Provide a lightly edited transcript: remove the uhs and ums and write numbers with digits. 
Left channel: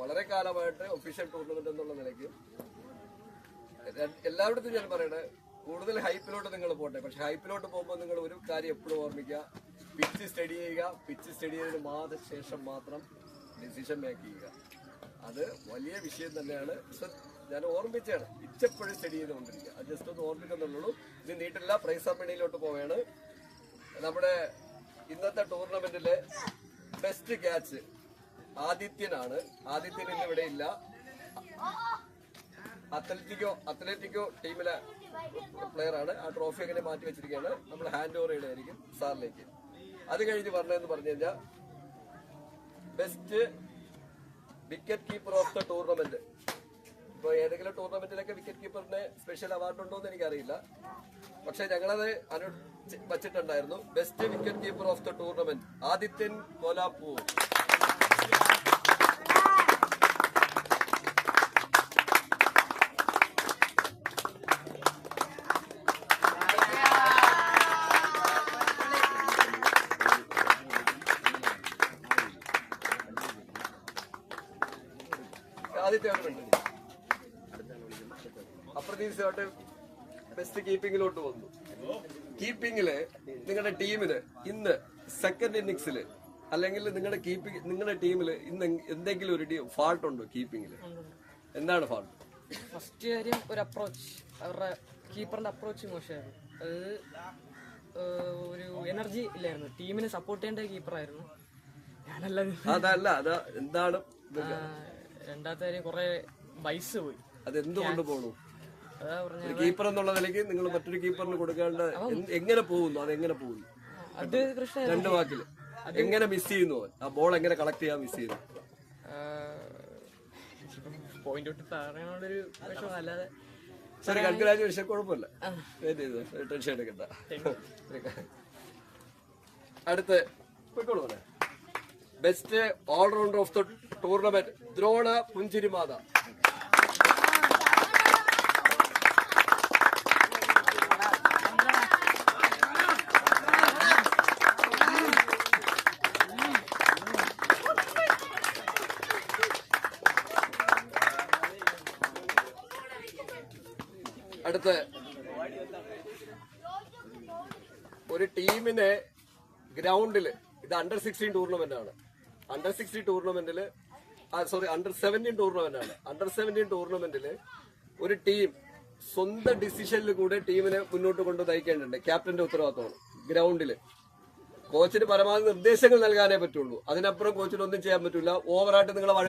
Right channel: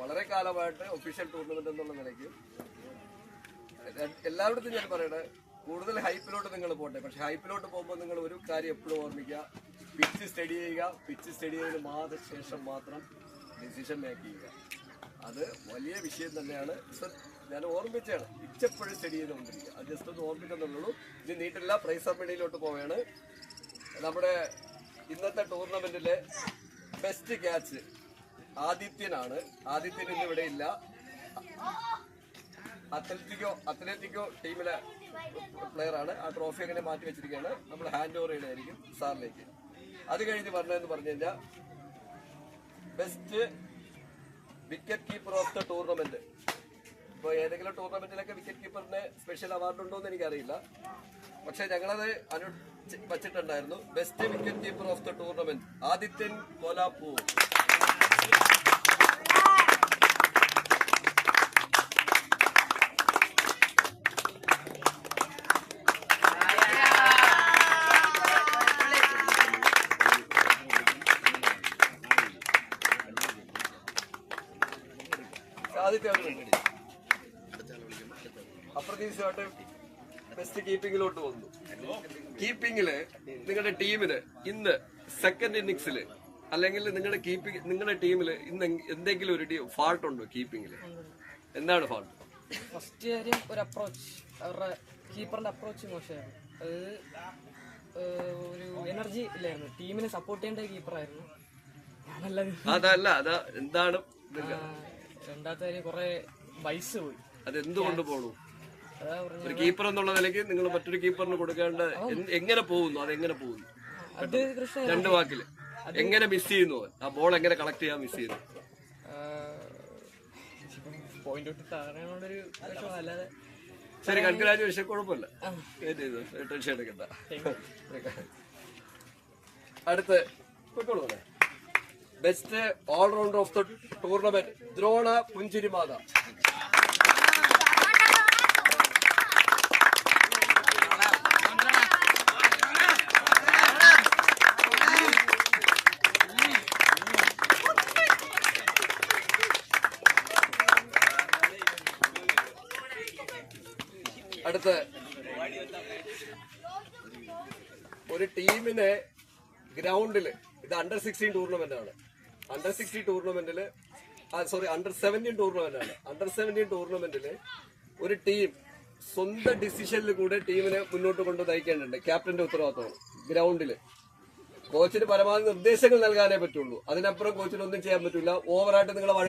വളരെ കാലമായിട്ട് official tournament എന്നുള്ള നിലയ്ക്ക് എല്ലായിടത്തും ഞാൻ പറയണേ, കൂടുതൽ ഹൈപ്പിലോട്ട് നിങ്ങൾ പോട്ടെ. പക്ഷെ ഹൈപ്പിലോട്ട് പോകുമ്പോൾ നിങ്ങൾ ഒരു കാര്യം എപ്പോഴും ഓർമ്മിക്കുക, പിച്ച് സ്റ്റഡി ചെയ്യുക. പിച്ച് സ്റ്റഡി ചെയ്തതിന് ശേഷം മാത്രം ഡിസിഷൻ മേക്ക് ചെയ്യുക. അത് വലിയ വിഷയം തന്നെയാണ്. ഞാൻ ഓർമ്മിച്ചാണ്, ഇച്ചപ്പോഴും സ്റ്റഡി ചെയ്തുകൊണ്ടിരിക്കുക. അത് ജസ്റ്റ് ഒന്ന് ഓർമ്മിക്കുന്നുള്ളൂ. ഇത് നീട്ടില്ല. പ്രൈസ് സബ്മിഡിയിലോട്ട് പോവുകയാണ്. നമ്മുടെ ഇന്നത്തെ ടൂർണമെന്റിലെ ബെസ്റ്റ് ക്യാച്ച് ആദിത്യനാണ്. ആദിത്യൻ ഇന്ന് ഇവിടെ ഇല്ല. അത്ലറ്റിക്കോ ടീമിലെ പ്ലെയർ ആണ്. ആ ട്രോഫി അങ്ങനെ മാറ്റി വെച്ചിരിക്കുകയാണ്. നമ്മൾ ഹാൻഡ് ഓവർ ചെയ്യണമായിരിക്കും സാറിലേക്ക്. അത് കഴിഞ്ഞ് പറഞ്ഞതെന്ന് പറഞ്ഞു കഴിഞ്ഞാൽ best wicket keeper of the tournament. ഇപ്പോൾ ഏതെങ്കിലും ടൂർണമെന്റിലൊക്കെ വിക്കറ്റ് കീപ്പറിന് സ്പെഷ്യൽ അവാർഡ് ഉണ്ടോ എന്ന് എനിക്കറിയില്ല. പക്ഷെ ഞങ്ങളത് വച്ചിട്ടുണ്ടായിരുന്നു. Best wicket keeper of the tournament Adithyan Kolapur. ആദ്യത്തെയാണ് വേണ്ടത്. അപ്രതീക്ഷിതമായിട്ട് ബെസ്റ്റ് കീപ്പിങ്ങിലോട്ട് വന്നു. കീപ്പിങ്ങില് നിങ്ങളുടെ ടീമിന് ഇന്ന് സെക്കൻഡ് ഇന്നിങ്സില് അല്ലെങ്കിൽ നിങ്ങളുടെ ടീമില് ഇന്ന് എന്തെങ്കിലും ഒരു ഫാൾട്ട് ഉണ്ടോ കീപ്പിങ്ങില്? എന്താണ് ഫാൾട്ട്? ഫസ്റ്റ് കാര്യം ഒരു അപ്രോച്ച്, അവരുടെ കീപ്പറിന്റെ അപ്രോച്ച് മോശമായിരുന്നു. അത് ഒരു എനർജി ഇല്ലായിരുന്നു. ടീമിനെ സപ്പോർട്ട് ചെയ്യേണ്ട കീപ്പറായിരുന്നു. അതല്ല എന്താണ്? രണ്ടാമത്തെ കാര്യം കുറെ ബൈസ് പോയി. അതെന്തുകൊണ്ട് പോകണു? കീപ്പർ എന്നുള്ള നിലയ്ക്ക് നിങ്ങൾ മറ്റൊരു കീപ്പറിന് കൊടുക്കേണ്ട എങ്ങനെ പോകുന്നു? അതെങ്ങനെ പോകുന്നു? അത് കൃഷ്ണ രണ്ടു വാക്കില് എങ്ങനെ മിസ് ചെയ്യുന്നു? ആ ബോൾ എങ്ങനെ കളക്ട് ചെയ്യാൻ മിസ് ചെയ്യുന്നു? പോയിന്റ് ഔട്ട് താഴെയുള്ളൊരു വിഷമം. അല്ലാതെ ശരി, കൺഗ്രാജുലേഷൻ. കുഴപ്പമില്ല, ടെൻഷൻ എടുക്കണ്ട. അടുത്ത് best all rounder of the tournament Drona പുഞ്ചിരിമാത. അടുത്ത് ഒരു ടീമിനെ ഗ്രൗണ്ടില്, ഇത് അണ്ടർ 16 ടൂർണമെന്റ് ആണ്. അണ്ടർ 16 ടൂർണമെന്റില് അണ്ടർ 17 ടൂർണമെന്റ് ആണ്. അണ്ടർ 17 ടൂർണമെന്റില് ഒരു ടീം സ്വന്തം ഡിസിഷനിൽ കൂടെ ടീമിനെ മുന്നോട്ട് കൊണ്ട് നയിക്കേണ്ടതുണ്ട്. ക്യാപ്റ്റന്റെ ഉത്തരവാദിത്തമാണ്. ഗ്രൗണ്ടില് കോച്ചിന് പരമാവധി നിർദ്ദേശങ്ങൾ നൽകാനേ പറ്റുള്ളൂ. അതിനപ്പുറം കോച്ചിന് ഒന്നും ചെയ്യാൻ പറ്റില്ല. ഓവറായിട്ട് നിങ്ങളെ